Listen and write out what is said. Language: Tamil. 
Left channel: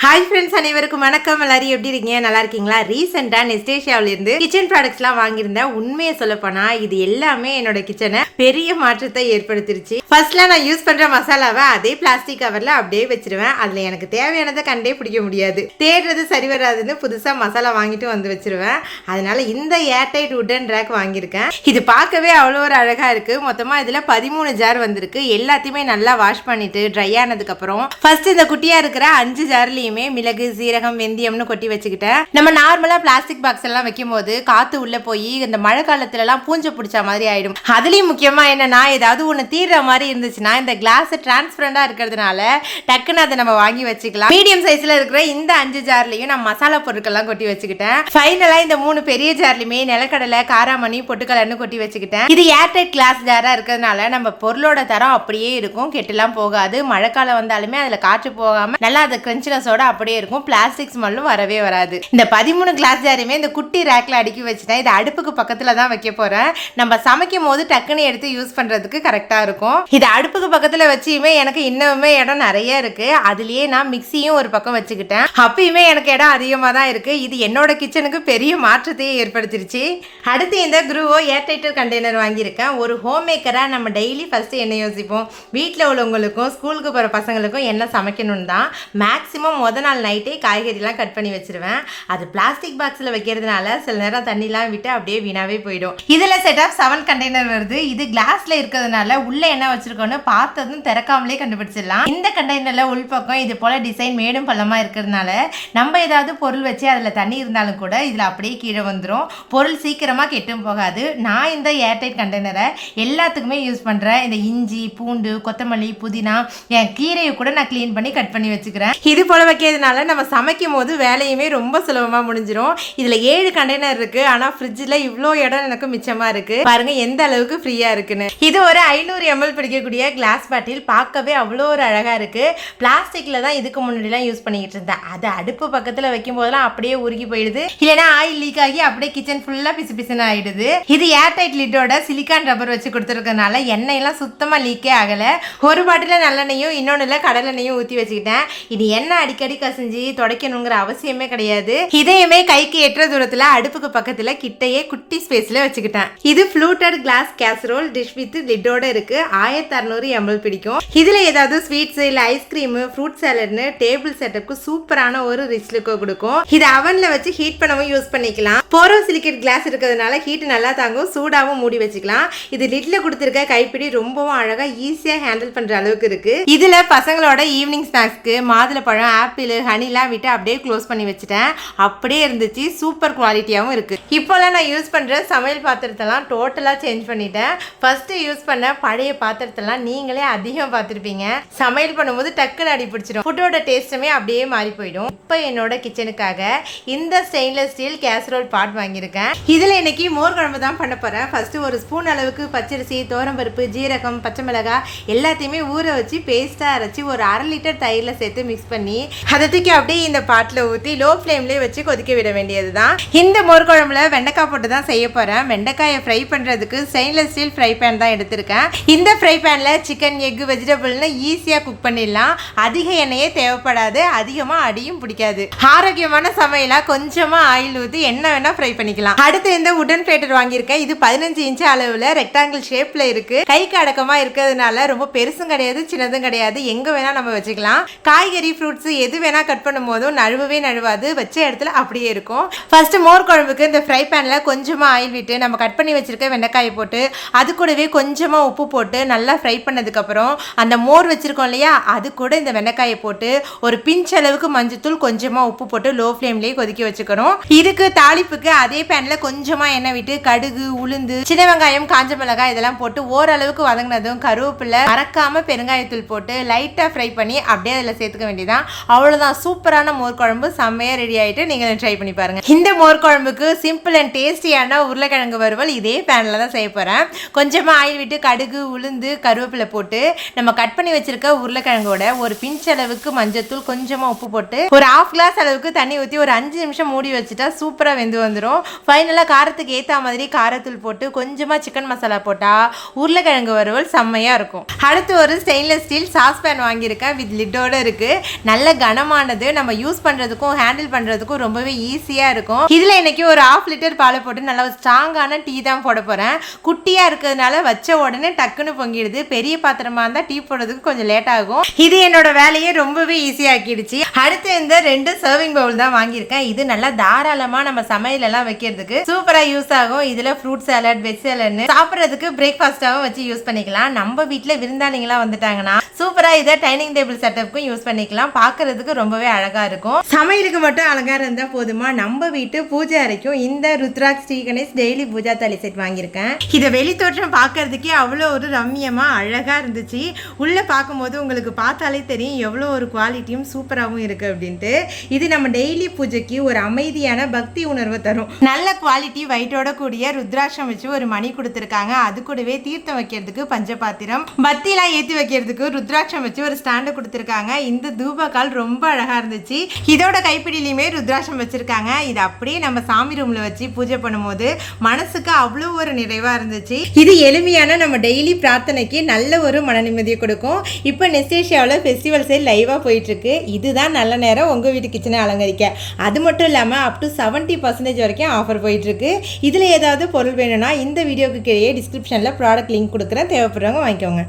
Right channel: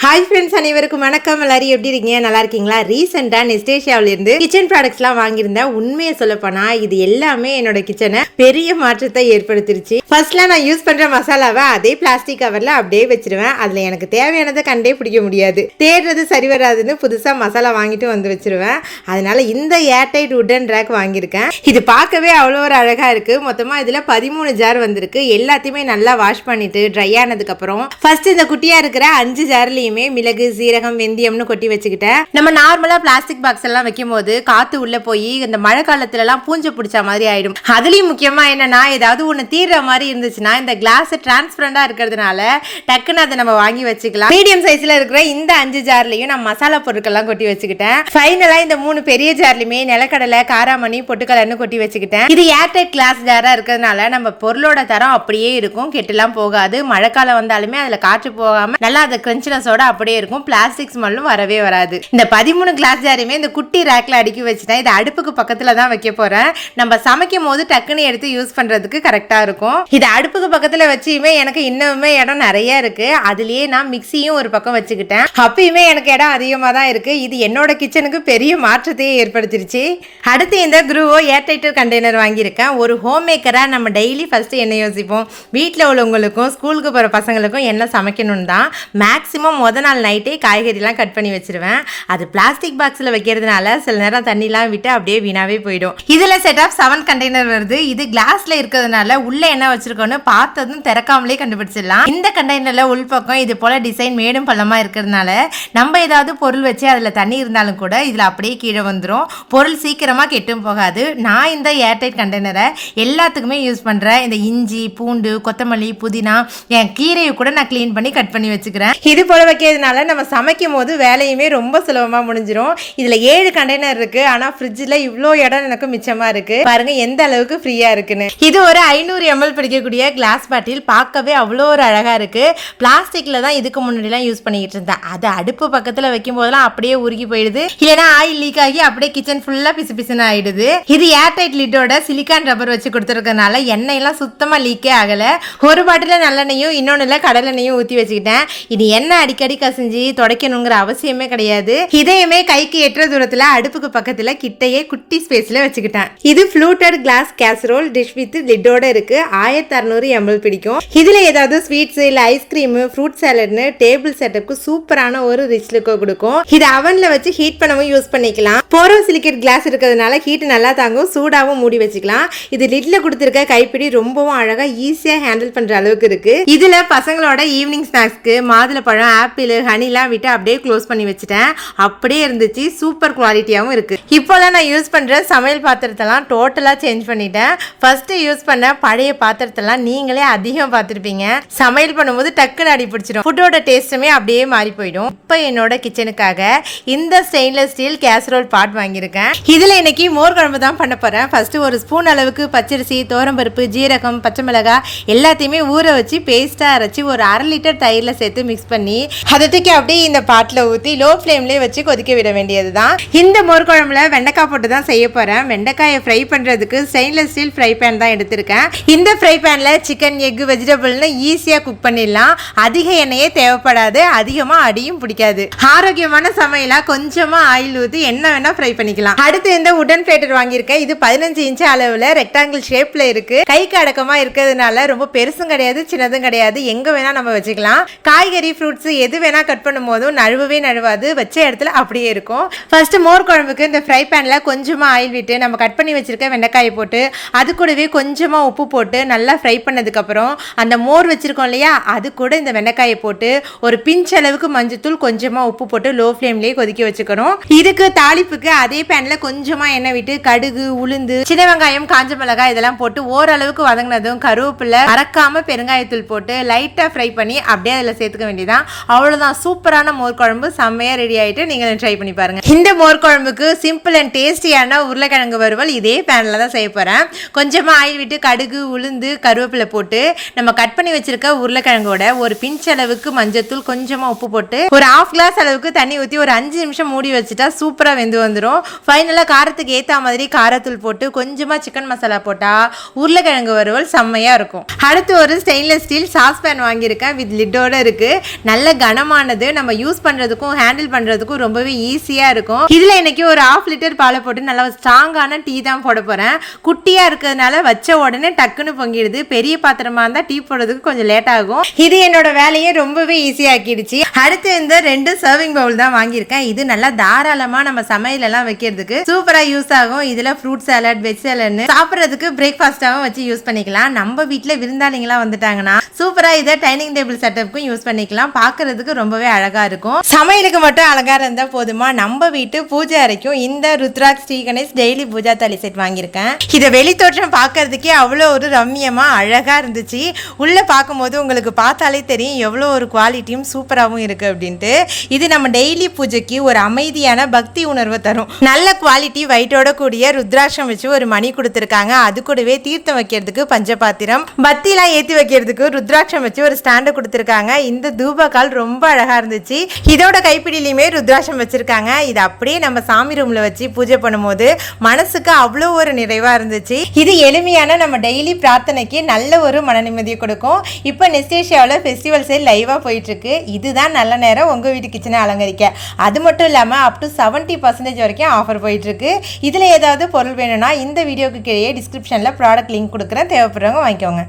ஹாய் ஃப்ரெண்ட்ஸ், அனைவருக்கும் வணக்கம். எல்லாரும் எப்படி இருக்கீங்க? நல்லா இருக்கீங்களா? ரீசெண்டாக நெஸ்டேஷியாவிலேருந்து கிச்சன் ப்ராடக்ட்ஸ்லாம் வாங்கியிருந்தேன். உண்மையை சொல்லப்போனா இது எல்லாமே என்னோட கிச்சனை பெரிய மாற்றத்தை ஏற்படுத்திருச்சு. ஃபர்ஸ்ட்லாம் நான் யூஸ் பண்ணுற மசாலாவை அதே பிளாஸ்டிக் கவரில் அப்படியே வச்சிருவேன். அதில் எனக்கு தேவையானதை கண்டே பிடிக்க முடியாது. தேடுறது சரி வராதுன்னு புதுசாக மசாலா வாங்கிட்டு வந்து வச்சிருவேன். அதனால இந்த ஏர்டைட் உட்டன் ரேக் வாங்கியிருக்கேன். இது பார்க்கவே அவ்வளோ ஒரு அழகாக இருக்குது. மொத்தமாக இதில் 13 ஜார் வந்திருக்கு. எல்லாத்தையுமே நல்லா வாஷ் பண்ணிட்டு ட்ரை ஆனதுக்கப்புறம் ஃபர்ஸ்ட் இந்த குட்டியாக இருக்கிற 5 ஜார்லையும் மிளகு, சீரகம், வெந்தயம்னு கொட்டி வச்சுக்கிட்டேன். நம்ம நார்மலா பிளாஸ்டிக் பாக்ஸ் எல்லாம் வைக்கும் போது காத்து உள்ள போய் இந்த மழை காலத்துல எல்லாம் பூஞ்சை பிடிச்ச மாதிரி ஆயிடும். அதுலயும் முக்கியமா என்னன்னா, ஏதாவது ஒண்ணு தீர்ற மாதிரி இருந்துச்சுன்னா இந்த கிளாஸ் டிரான்ஸ்பரண்டா இருக்கிறதுனால டக்குன்னு அதை நம்ம வாங்கி வச்சுக்கலாம். மீடியம் சைஸ்ல இருக்கிற இந்த 5 ஜார்லயும் நான் மசாலா பொருட்கள்லாம் கொட்டி வச்சுக்கிட்டேன். ஃபைனலா இந்த 3 பெரிய ஜார்லயுமே நிலக்கடலை, காராமணி, பொட்டுக்கடலைன்னு கொட்டி வச்சுக்கிட்டேன். இது ஏர்டைட் கிளாஸ் ஜாரா இருக்கிறதுனால நம்ம பொருளோட தரம் அப்படியே இருக்கும், கெட்டுலாம் போகாது. மழைக்காலம் வந்தாலுமே அதுல காற்று போகாம நல்லா அதை கிரன்ச்சினஸோட அப்படியே இருக்கும். பிளாஸ்டிக் ஸ்மெல்லும் வரவே வராது. இந்த 13 கிளாஸ் ஜாரையுமே இந்த குட்டி ரேக்ல அடுக்கி வச்சுட்டேன். இது அடுப்புக்கு பக்கத்துல தான் வைக்க போறேன். நம்ம சமைக்கும் போது டக்குன்னு எடுத்து யூஸ் பண்றதுக்கு கரெக்டா இருக்கும். இது அடுப்புக்கு பக்கத்துல வச்சுமே எனக்கு இன்னுமே இடம் நிறைய இருக்கு. அதுலயே நான் மிக்சியும் ஒரு பக்கம் வச்சுக்கிட்டேன். அப்பயுமே எனக்கு இடம் அதிகமா தான் இருக்கு. இது என்னோட கிச்சனுக்கு பெரிய மாற்றத்தையே ஏற்படுத்திருச்சு. அடுத்து இந்த குரூவோ ஏர்டைட் கண்டெய்னர் வாங்கியிருக்கேன். ஒரு ஹோம் மேக்கரா நம்ம டெய்லி ஃபர்ஸ்ட் என்ன யோசிப்போம், வீட்டில் உள்ளவங்களுக்கும் ஸ்கூலுக்கு போற பசங்களுக்கும் என்ன சமைக்கணும்னு தான். மேக்ஸிமம் முத நாள் நைட்டே காய்கறிலாம் கட் பண்ணி வச்சிருவேன். அது பிளாஸ்டிக் பாக்ஸில் வைக்கிறதுனால சில நேரம் தண்ணிலாம் விட்டு அப்படியே வீணாவே போயிடும். இதில் செட் ஆஃப் 7 கண்டெய்னர் வருது. இது கிளாஸ்ல இருக்கிறதுனால உள்ள என்ன வச்சிருக்கோன்னு பார்த்ததும் திறக்காமலே கண்டுபிடிச்சிடலாம். இந்த கண்டெய்னர்ல உள்பக்கம் இது போல டிசைன் மேடும் பள்ளமா இருக்கிறதுனால நம்ம ஏதாவது பொருள் வச்சு அதில் தண்ணி இருந்தாலும் கூட இதில் அப்படியே கீழே வந்துடும். பொருள் சீக்கிரமாக கெட்டும் போகாது. நான் இந்த ஏர்டைட் கண்டெய்னரை எல்லாத்துக்குமே யூஸ் பண்ணுறேன். இந்த இஞ்சி, பூண்டு, கொத்தமல்லி, புதினா, என் கீரையை கூட நான் க்ளீன் பண்ணி கட் பண்ணி வச்சுக்கிறேன். இது போல வைக்கிறதுனால நம்ம சமைக்கும் போது வேலையுமே ரொம்ப சுலபமாக முடிஞ்சிடும். இதில் 7 கண்டெய்னர் இருக்கு. ஆனால் ஃப்ரிட்ஜில் இவ்வளோ இடம் எனக்கு மிச்சமாக இருக்கு. பாருங்க எந்த அளவுக்கு ஃப்ரீயா இருக்குன்னு. இது ஒரு 500 ml பிடிக்கக்கூடிய கிளாஸ் பாட்டில். பார்க்கவே அவ்வளோ ஒரு அழகா இருக்கு. பிளாஸ்டிக்ல தான் இதுக்கு முன்னாடிலாம் யூஸ் பண்ணிட்டு இருந்தேன். அது அடுப்பு பக்கத்தில் வைக்கும் போதெல்லாம் அப்படியே உருகி போயிடுது. இல்லைன்னா ஆயில் லீக் ஆகி அப்படியே கிச்சன் ஃபுல்லாக பிசு பிசுன்னு ஆயிடுது. இது ஏர்டைட் லிட்டோட சிலிக்கான் ரப்பர் வச்சு கொடுத்துருக்கனால எண்ணெய் எல்லாம் சுத்தமா லீக்கே ஆகல. ஒரு பாட்டில் நல்லெண்ணையும் இன்னொன்னுல கடலெண்ணையும் ஊற்றி வச்சுக்கிட்டேன். இது எண்ணெய் அடிக்கடி கசிஞ்சு துடைக்கணுங்கிற அவசியமே கிடையாது. இதையுமே கைக்கு எட்டுற தூரத்துல அடுப்புக்கு பக்கத்துல கிட்டையே குட்டி ஸ்பேஸ்ல வச்சுக்கிட்டேன். இது fluted glass casserole dish with லிட்டோட இருக்கு. 1600 ml பிடிக்கும். இதுல ஏதாவது ஸ்வீட்ஸ் இல்ல ஐஸ்கிரீம், ஃப்ரூட் சாலட்னு டேபிள் செட்டப்க்கு சூப்பரான ஒரு ரிச் லுக் கொடுக்கும். இது அவன்ல வச்சு ஹீட் பண்ணவும் யூஸ் பண்ணிக்கலாம். போரோசிலிகேட் கிளாஸ் இருக்கிறதுனால ஹீட் நல்லா தாங்கும். சூடாவும் மூடி வச்சுக்கலாம். இது லிட்ல கொடுத்திருக்க கைப்பிடி ரொம்பவும் அழகா ஈஸியா ஹேண்டில் பண்ற அளவுக்கு இருக்கு. இதுல பசங்களோட ஈவினிங் ஸ்நாக்ஸ்க்கு மாதுளப்பழம், ஆப்பிள், ஹனிலாம் விட்டு அப்படியே க்ளோஸ் பண்ணி வச்சுட்டேன். அப்படியே இருந்துச்சு. சூப்பர் குவாலிட்டியாகவும் இருக்கு. இப்போலாம் நான் யூஸ் பண்ற சமையல் பாத்திரத்தெல்லாம் டோட்டலா சேஞ்ச் பண்ணிட்டேன். ஃபர்ஸ்ட் யூஸ் பண்ண பழைய பாத்திரத்தெல்லாம் நீங்களே அதிகம் பார்த்துருப்பீங்க. சமையல் பண்ணும்போது டக்குன்னு அடி பிடிச்சிடும். ஃபுட்டோட டேஸ்ட்டுமே அப்படியே மாறி போயிடும். இப்போ என்னோட கிச்சனுக்காக இந்த ஸ்டெயின்லெஸ் ஸ்டீல் கேசரோல் பாட் வாங்கியிருக்கேன். இதில் இன்னைக்கு மோர் குழம்பு தான் பண்ண போறேன். ஃபர்ஸ்ட் ஒரு ஸ்பூன் அளவுக்கு பச்சரிசி, தோரம்பருப்பு, ஜீரகம், பச்சை மிளகாய் எல்லாத்தையுமே ஊற வச்சு பேஸ்டா அரைச்சி ஒரு 1/2 லிட்டர் தயிரில் சேர்த்து மிக்ஸ் பண்ணி அதை தூக்கி அப்படியே இந்த பாட்டில் ஊற்றி லோ ஃப்ளேம்லேயே வச்சு கொதிக்க விட வேண்டியது தான். இந்த மோர் குழம்புல வெண்டைக்காய் போட்டு தான் செய்ய போகிறேன். வெண்டைக்காயை ஃப்ரை பண்ணுறதுக்கு ஸ்டெயின்லெஸ் ஸ்டீல் ஃப்ரை பேன் தான் எடுத்திருக்கேன். இந்த ஃப்ரை பேனில் சிக்கன், எக், வெஜிடபிள்னு ஈஸியாக குக் பண்ணிடலாம். அதிக எண்ணெயே தேவைப்படாது. அதிகமாக அடியும் பிடிக்காது. ஆரோக்கியமான சமையலாக கொஞ்சமாக ஆயில் ஊற்றி என்ன வேணால் ஃப்ரை பண்ணிக்கலாம். அடுத்து இந்த உடன் பிளேட்டர் வாங்கியிருக்கேன். இது 15 இன்ச் அளவில் ரெக்டாங்கிள் ஷேப்பில் இருக்குது. கைக்கு அடக்கமாக இருக்கிறதுனால ரொம்ப பெருசும் கிடையாது, சின்னதும் கிடையாது. எங்கே வேணால் நம்ம வச்சுக்கலாம். காய்கறி, ஃப்ரூட்ஸ் எது வேணால் கட் பண்ணும் போதும் நழுவவே நழுவாது. வச்ச இடத்துல அப்படியே இருக்கும். ஃபர்ஸ்ட் மோர் குழம்புக்கு இந்த ஃப்ரை பேன்ல கொஞ்சமா ஆயில் விட்டு நம்ம கட் பண்ணி வச்சிருக்க வெண்டைக்காயை போட்டு அது கூடவே கொஞ்சமா உப்பு போட்டு நல்லா ஃப்ரை பண்ணதுக்கு அப்புறம் அந்த மோர் வச்சிருக்கோம் இல்லையா, அது கூட இந்த வெண்டைக்காயை போட்டு ஒரு பிஞ்ச் அளவுக்கு மஞ்சத்தூள், கொஞ்சமா உப்பு போட்டு லோ ஃப்ளேம்லயே கொதிக்க வச்சுக்கணும். இதுக்கு தாளிப்புக்கு அதே பேன்ல கொஞ்சமா எண்ணெய் விட்டு கடுகு, உளுந்து, சின்ன வெங்காயம், காஞ்ச மிளகாய் இதெல்லாம் போட்டு ஓரளவுக்கு வதங்கினதும் கருவேப்பிலை, மறக்காம பெருங்காயத்தூள் போட்டு லைட்டா ஃப்ரை பண்ணி அப்படியே அதில் சேர்த்துக்க வேண்டியதான். அவ்வளவுதான். சூப்பரான மோர் குழம்பு செம்மையா ரெடி ஆயிட்டு நீங்க ட்ரை பண்ணி பாருங்க. இந்த மோர் குழம்புக்கு சிம்பிள் அண்ட் டேஸ்டியான உருளைக்கிழங்கு வறுவல் இதே பேன்ல தான் செய்ய போறேன். கொஞ்சமா ஆயில் விட்டு கடுகு, உளுந்து, கருவேப்பிலை போட்டு நம்ம கட் பண்ணி வச்சிருக்க உருளைக்கிழங்கோட ஒரு பிஞ்ச் அளவுக்கு மஞ்சத்தூள், கொஞ்சமா உப்பு போட்டு ஒரு 1/2 கிளாஸ் அளவுக்கு தண்ணி ஊற்றி ஒரு 5 நிமிஷம் மூடி வச்சுட்டா சூப்பரா வெந்து வந்துடும். ஃபைனலா காரத்துக்கு ஏத்த மாதிரி காரத்தூள் போட்டு கொஞ்சமா சிக்கன் மசாலா போட்டா உருளைக்கிழங்கு வறுவல் செம்மையா இருக்கும். அடுத்து ஒரு ஸ்டெயின்லெஸ் ஸ்டீல் சாஸ் பேன் வாங்கியிருக்கேன். வித் லிட்டோட இருக்கு. நல்ல கனமானது, நம்ம யூஸ் பண்றதுக்கும் ஹேண்டில் பண்றதுக்கும் ரொம்பவே ஈஸியா இருக்கும். இதுல இன்னைக்கு ஒரு 1/2 லிட்டர் பாலை போட்டு நல்லா ஸ்ட்ராங்கான டீ தான் போட போறேன். குட்டியா இருக்கிறதுனால வச்ச உடனே டக்குன்னு பொங்கிடுது. பெரிய பாத்திரமா இருந்தா டீ போடுறதுக்கு கொஞ்சம் லேட் ஆகும். இது என்னோட வேலையை ரொம்பவே ஈஸியாக்கிடுச்சு. அடுத்து இந்த 2 சர்விங் பவுல் தான் வாங்கியிருக்கேன். இது நல்லா தாராளமா நம்ம சமையல் எல்லாம் வைக்கிறதுக்கு சூப்பரா யூஸ் ஆகும். இதுல ஃப்ரூட் சாலட், வெஜ் சாலட்னு சாப்பிட்றதுக்கு பிரேக்ஃபாஸ்டாவும் வச்சு யூஸ் பண்ணிக்கலாம். நம்ம வீட்டுல விருந்தாளிங்களா வந்துட்டாங்கன்னா சூப்பரா இதை டைனிங் டேபிள் செட்டப்புக்கும் யூஸ் பண்ணிக்கலாம். பாக்குறதுக்கு ரொம்பவே அழகா இருக்கும். சமையலுக்கு மட்டும் அழகா இருந்தா போதுமா, நம்ம வீட்டு பூஜை அறைக்கும் இந்த ருத்ராக்ஷ் ஸ்ரீ கணேஷ் டெய்லி பூஜா தாலி செட் வாங்கியிருக்கேன். இதை வெளித்தோற்றம் பார்க்கறதுக்கே அவ்வளோ ஒரு ரம்மியமா அழகா இருந்துச்சு. உள்ள பார்க்கும்போது உங்களுக்கு பார்த்தாலே தெரியும் எவ்வளோ ஒரு குவாலிட்டியும் சூப்பராகவும் இருக்கு அப்படின்ட்டு. இது நம்ம டெய்லி பூஜைக்கு ஒரு அமைதியான பக்தி உணர்வு தரும். நல்ல குவாலிட்டி வைட்டோட கூடிய ருத்ராட்சம் வச்சு ஒரு மணி கொடுத்துருக்காங்க. அது கூடவே தீர்த்தம் வைக்கிறதுக்கு பஞ்சபாத்திரம், பத்திலாம் ஏற்றி வைக்கிறதுக்கு ருத்ராட்சம் வச்சு ஒரு ஸ்டாண்டு கொடுத்துருக்காங்க. இந்த தூபக்கால் ரொம்ப அழகா இருந்துச்சு. இதோட கைப்பிடியிலுமே ருத்ராட்சம் வச்சிருக்காங்க. இது அப்படியே நம்ம சாமி ரூம்ல வச்சு பூஜை பண்ணும்போது மனசுக்கு அவ்வளோ ஒரு நிறைவா இருந்துச்சு. இது எளிமையான நம்ம டெய்லி பிரார்த்தனைக்கு நல்ல ஒரு மன நிம்மதியை கொடுக்கும். இப்போ நெஸ்டேஷியாவில் ஃபெஸ்டிவல் சேல் லைவா போயிட்டு இருக்கு. இதுதான் நல்ல நேரம் உங்க வீட்டு கிச்சனை அலங்கரிக்க. அது மட்டும் இல்லாம அப் டு 70% வரைக்கும் ஆஃபர் போயிட்டு இருக்கு. இதுல ஏதாவது பொருள் வேணும்னா இந்த வீடியோக்கு கீழே டிஸ்கிரிப்ஷன்ல ப்ராடக்ட் லிங்க் கொடுக்குறேன், தேவைப்படுறவங்க வாங்கிக்கோங்க.